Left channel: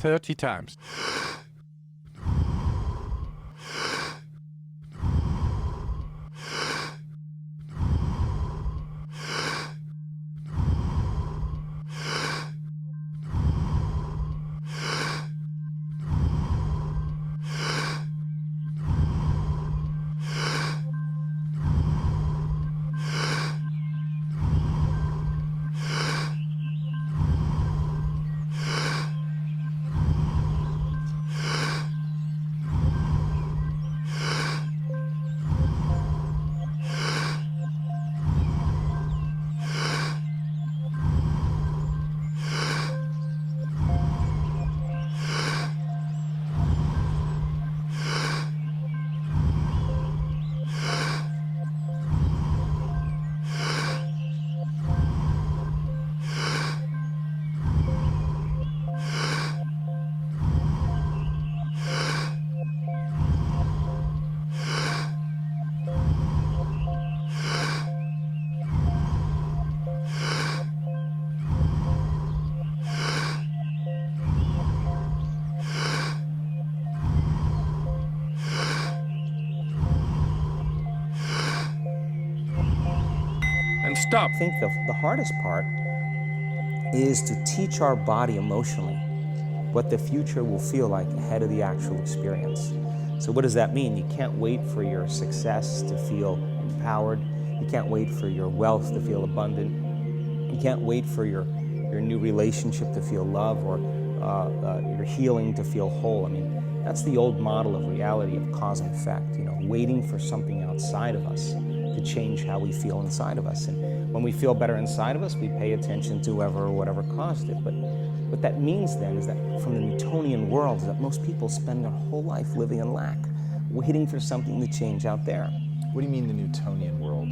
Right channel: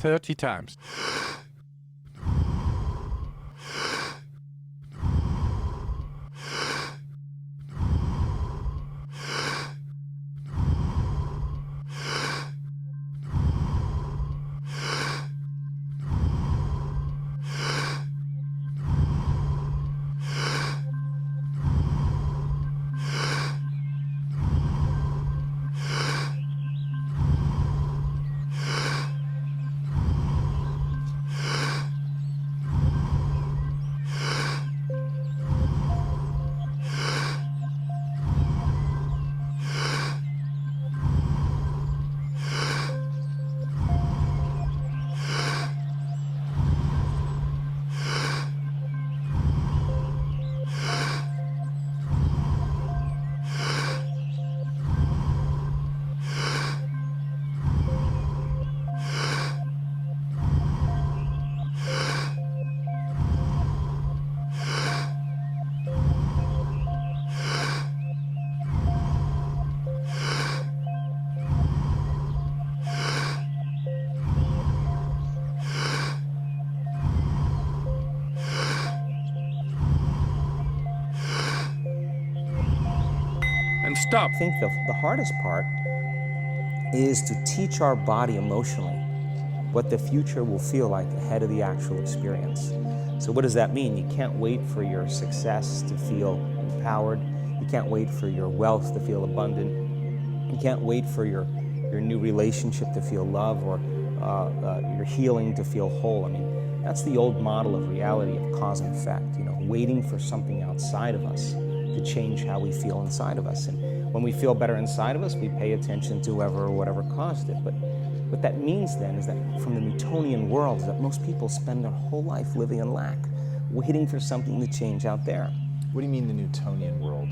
30 times. And stop. I think the hardest part is to teach our body emotionally what the future will feel like ahead of the actual experience. So what does that mean? You can't wait for your success to feel empowered. You can't wait for your wealth to feel abundant. You can't wait for your new relationship to feel love, or your healing to feel whole. I mean, that's the old model of reality, of cause and effect, you know, waiting for something outside of us to change how we feel inside of us. And when we feel better inside of us, we pay attention to whoever or whatever caused it. But what that means then is that from the Newtonian world is that most people spend their whole life living in lack, waiting for something to change out there. What do you mean the Newtonian world?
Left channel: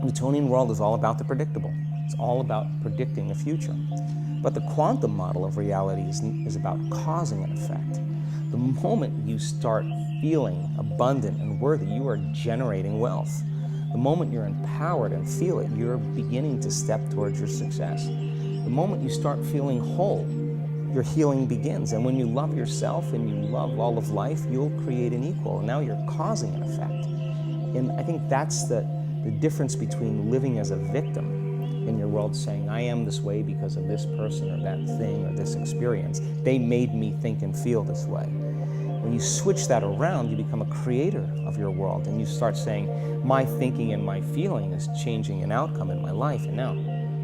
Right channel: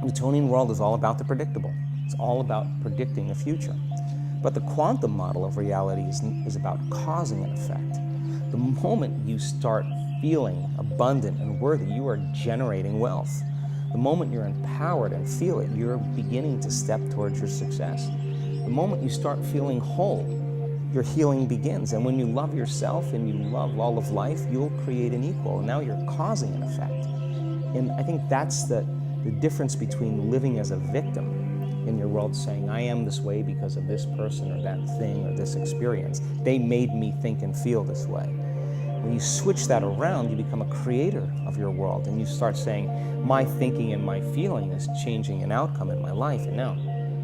The Newtonian world is all about the predictable. It's all about predicting the future. But the quantum model of reality is about causing an effect. The moment you start feeling abundant and worthy, you are generating wealth. The moment you're empowered and feel it, you're beginning to step towards your success. The moment you start feeling whole, your healing begins. And when you love yourself and you love all of life, you'll create an equal. And now you're causing an effect. And I think that's the difference between living as a victim in your world, saying, I am this way because of this person or that thing or this experience. They made me think and feel this way. When you switch that around, you become a creator of your world, and you start saying, my thinking and my feeling is changing an outcome in my life, and now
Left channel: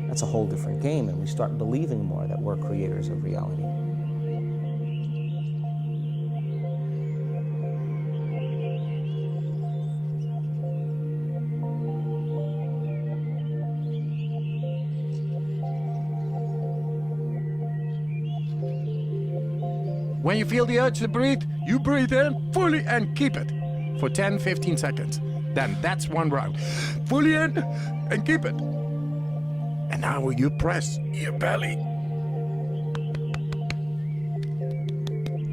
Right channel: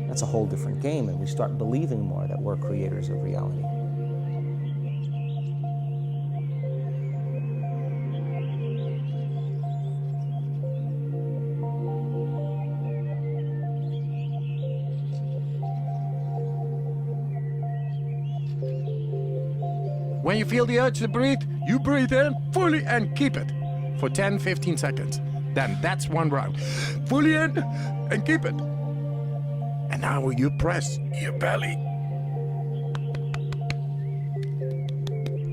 that's a whole different game, and we start believing more that we're creators of reality. When you feel the urge to breathe, you breathe in fully and keep it for 10-15 seconds. Then that's one round. Fully in and keep it. And now you press your belly,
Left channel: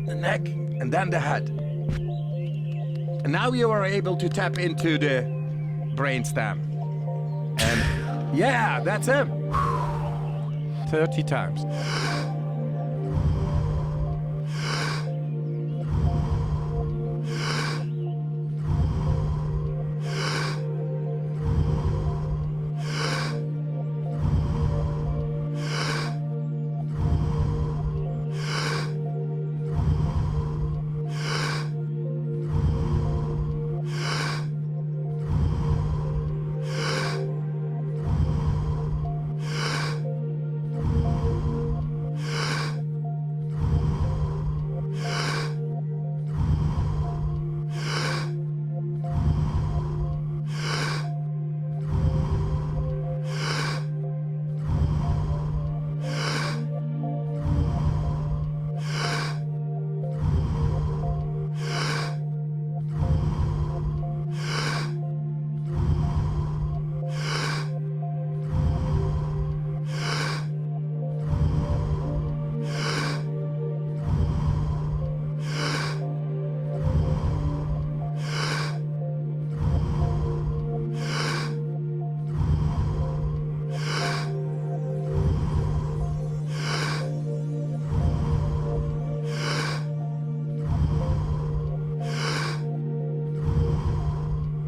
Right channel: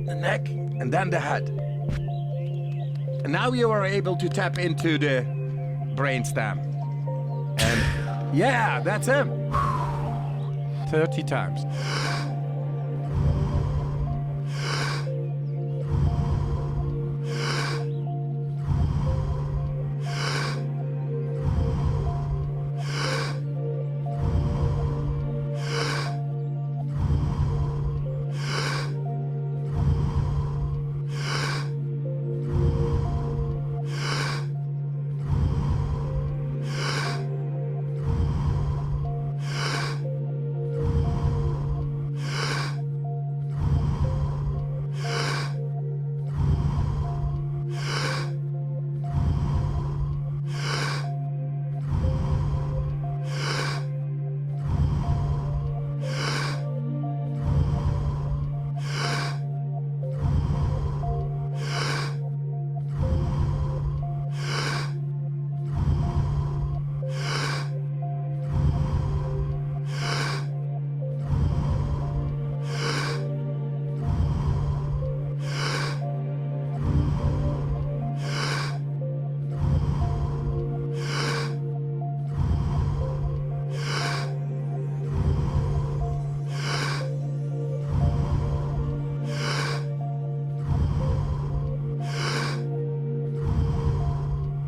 the neck, and then the head. And now you are able to tap into the brainstem. And yeah, that's him. 30 times.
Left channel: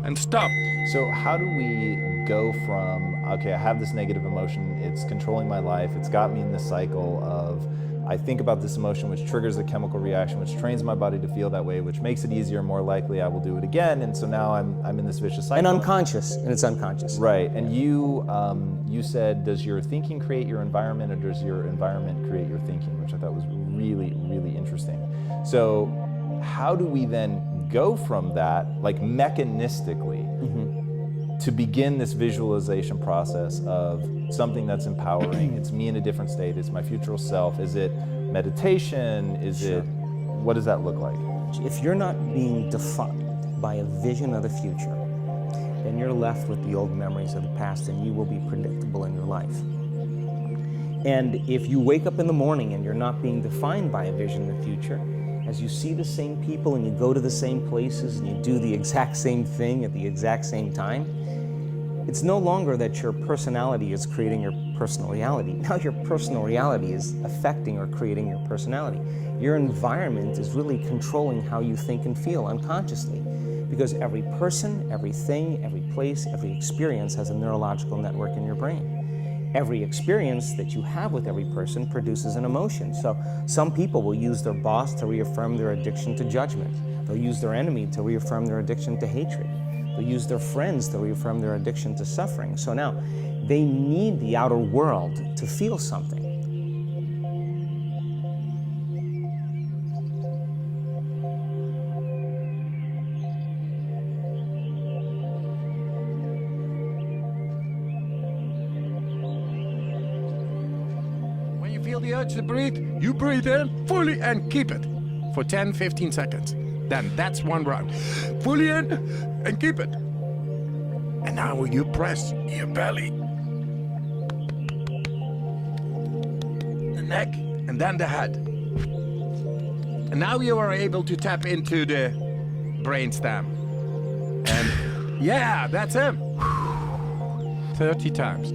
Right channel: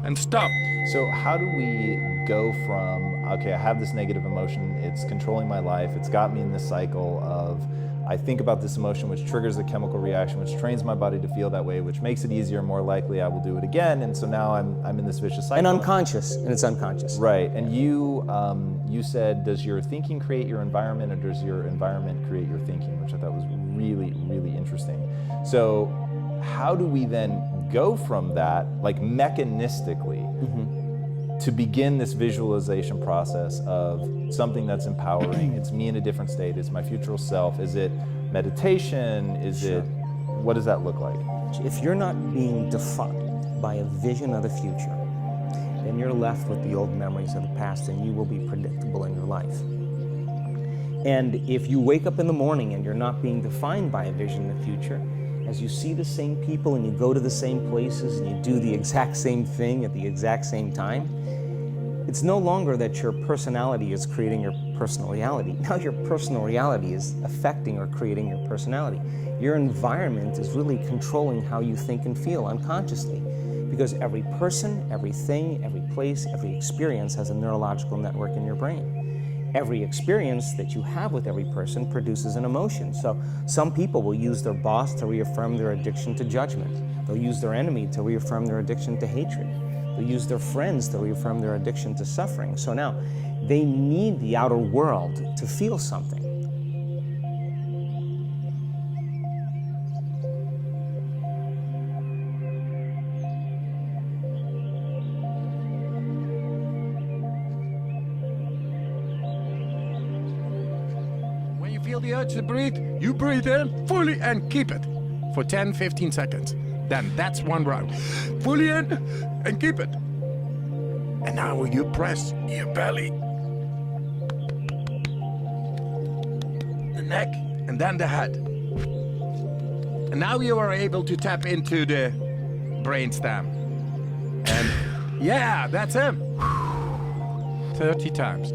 And stop. So how do we go from, okay, I have this negative emotion, it's controlling my life, it's got me in this cycle of, I think about this emotion, which triggers a chemical reaction, which trains my body to feel that way, which makes it easier, more likely I will do it again, and so now I'm in this vicious cycle. And unconscious, and it's unconscious. Right, and you said, does your thinking create your environment, or does your environment create your thinking, which I thought was really, really interesting. So how do we then go from that, like mechanistically, to begin this visualization process of something that's empowering? It's me in a different state, it's my future self. Is it meditation? Is it, what does that look like? If you're not being defined by a vision of the future, then you're left with the old memories of the past, and you will be predictable in your life. And if you wake up in the morning and you're not being defined by a vision of the future, as you see the same people and you go to the same places and you do the exact same thing at the exact same time, it's no longer that your personality is creating your personal reality. Now your personal reality is affecting or creating your personality. Your environment is really controlling how you think and feel unconsciously, because every person, everything, every place, every experience has a neurological network in your brain. Every experience that you have with every person produces an emotion. So some people will use their boss to reaffirm their addiction to judgment. They'll use their enemy to reaffirm their addiction to hatred. They'll use their friends to reaffirm their addiction to suffering. So now they need the outer world to feel something. When you feel the urge to breathe, you breathe in fully and keep it for 10-15 seconds. Then that's one round. Fully in and keep it. And now you press your belly, the neck, and then the head. And now you are able to tap into the brainstem. And yeah, that's him. 30 times.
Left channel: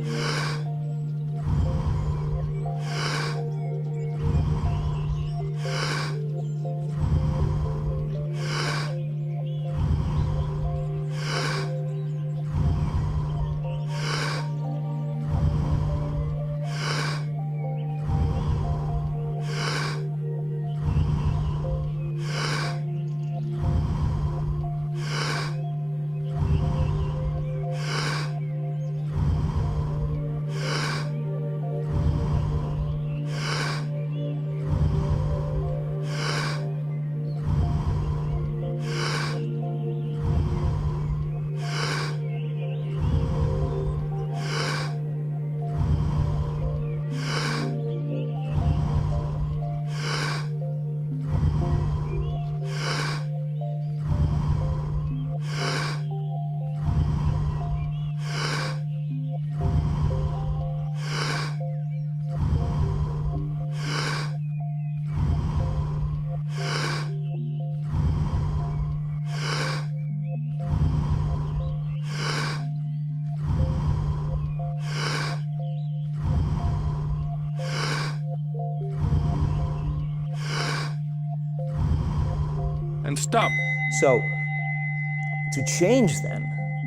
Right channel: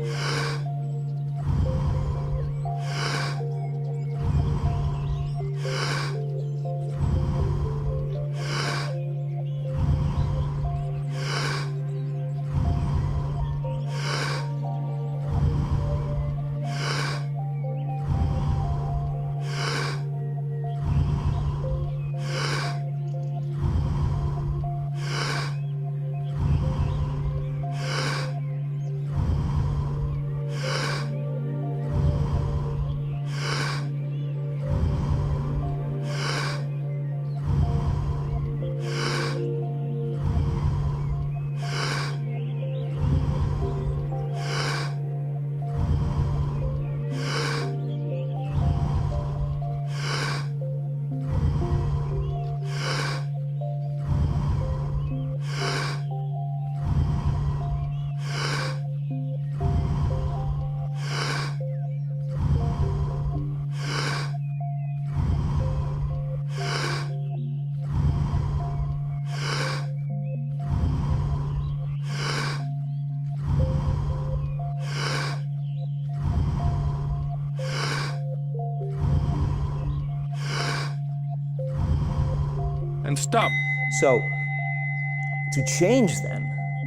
And stop. So to change then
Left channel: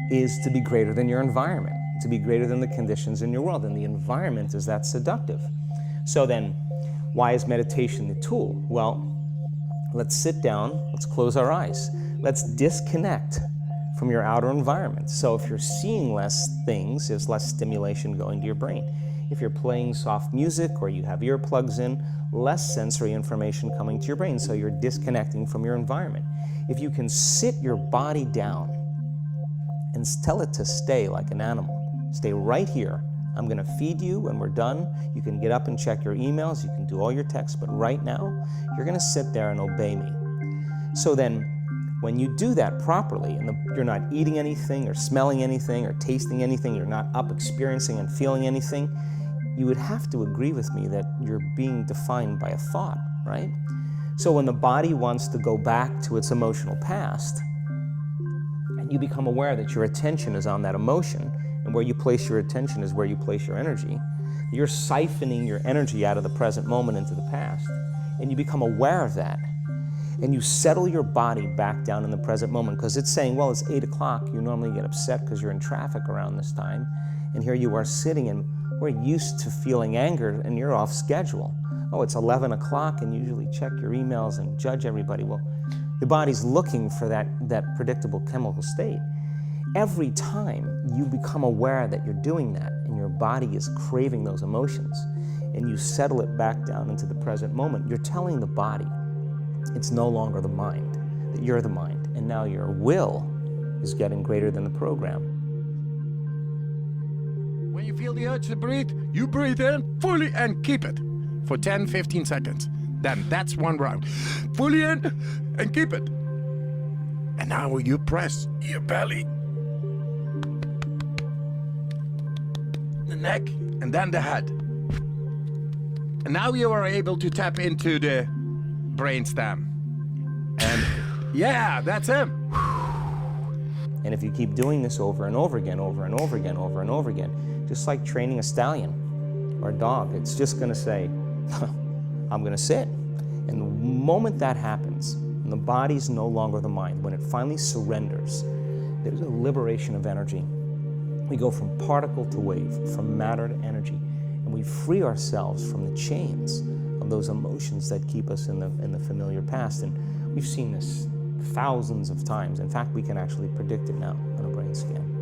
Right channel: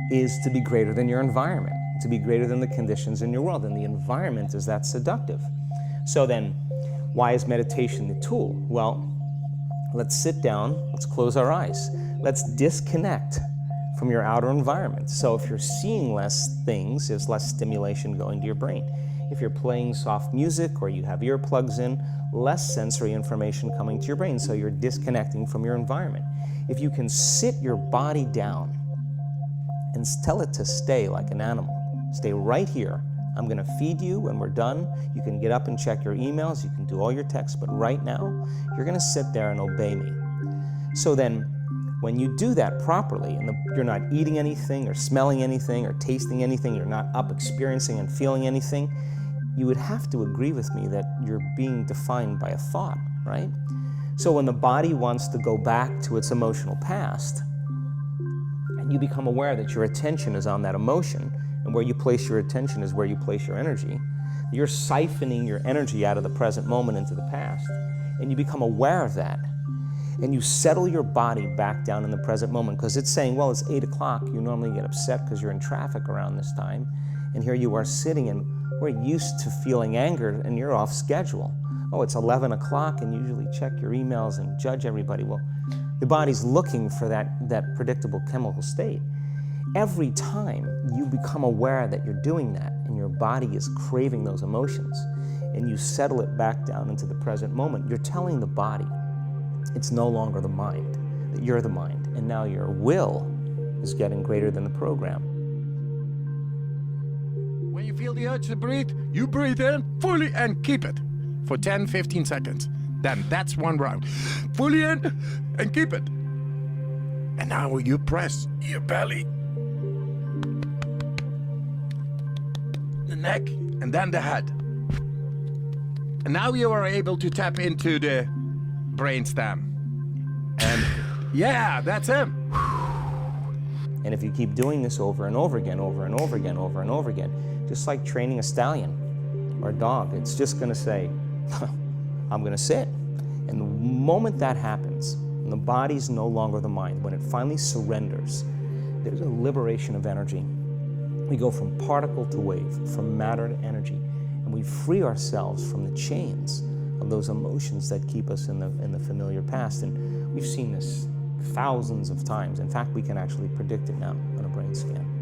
is to be greater than your environment, to be greater than the conditions in your world, and the environment is that seductive. So then, why is meditation the tool? Well, let's sit down, let's close our eyes, let's disconnect from your outer environment. So if you're seeing less things, there's less stimulation going to your brain. If you're playing soft music or you have earplugs in, less sensory information coming to your brain, so you're disconnecting from your environment. If you can sit your body down and tell it to stay like an animal, stay right here. I'm gonna feed you when we're done. You can get up and check your emails, you can do all your texts, but right now, you're gonna sit there and obey me. So then, when you do that properly, and you're not eating anything or smelling anything or tasting anything, you're not up experiencing and feeling anything, you would have to agree with me that you're being defined by a thought, right? So when the body wants to go back to its emotional past, and you become aware that your attention is on that emotion, and where you place your attention is where you place your energy, you're siphoning your energy out of the present moment into the past, and you become aware of that. And you settle your body back down in the present moment, because it's saying, well, it's 8 o'clock. You normally get upset because you're in traffic around this time. And here you are sitting, and we're used to feeling anger, and you're off schedule. Oh, it's 11 o'clock, and you usually check your emails and judge everybody. Well, the body's looking for that predictable chemical state. Every time you become aware that you're doing that, and your body is craving those emotions, and you settle it back down into the present moment, you're telling the body it's no longer the mind, that you're the mind, and now your will is getting greater than the program. When you feel the urge to breathe, you breathe in fully and keep it for 10-15 seconds. Then that's one round. Fully in and keep it. And now you press your belly, the neck, and then the head. And now you are able to tap into the brainstem. And yeah, that's him. And if you keep doing this over and over again, over and over again, over and over again, just like training a stallion or a dog, it's just going to say, I'm going to sit. And the moment that happens, and the body's no longer the mind, when it finally surrenders, there's a liberation of energy. We go from particle to wave, from matter to energy, and we free ourselves from the chains of those emotions that keep us in the familiar past. And we've seen this thousands of times. In fact, we can actually predict it now on a brain scan.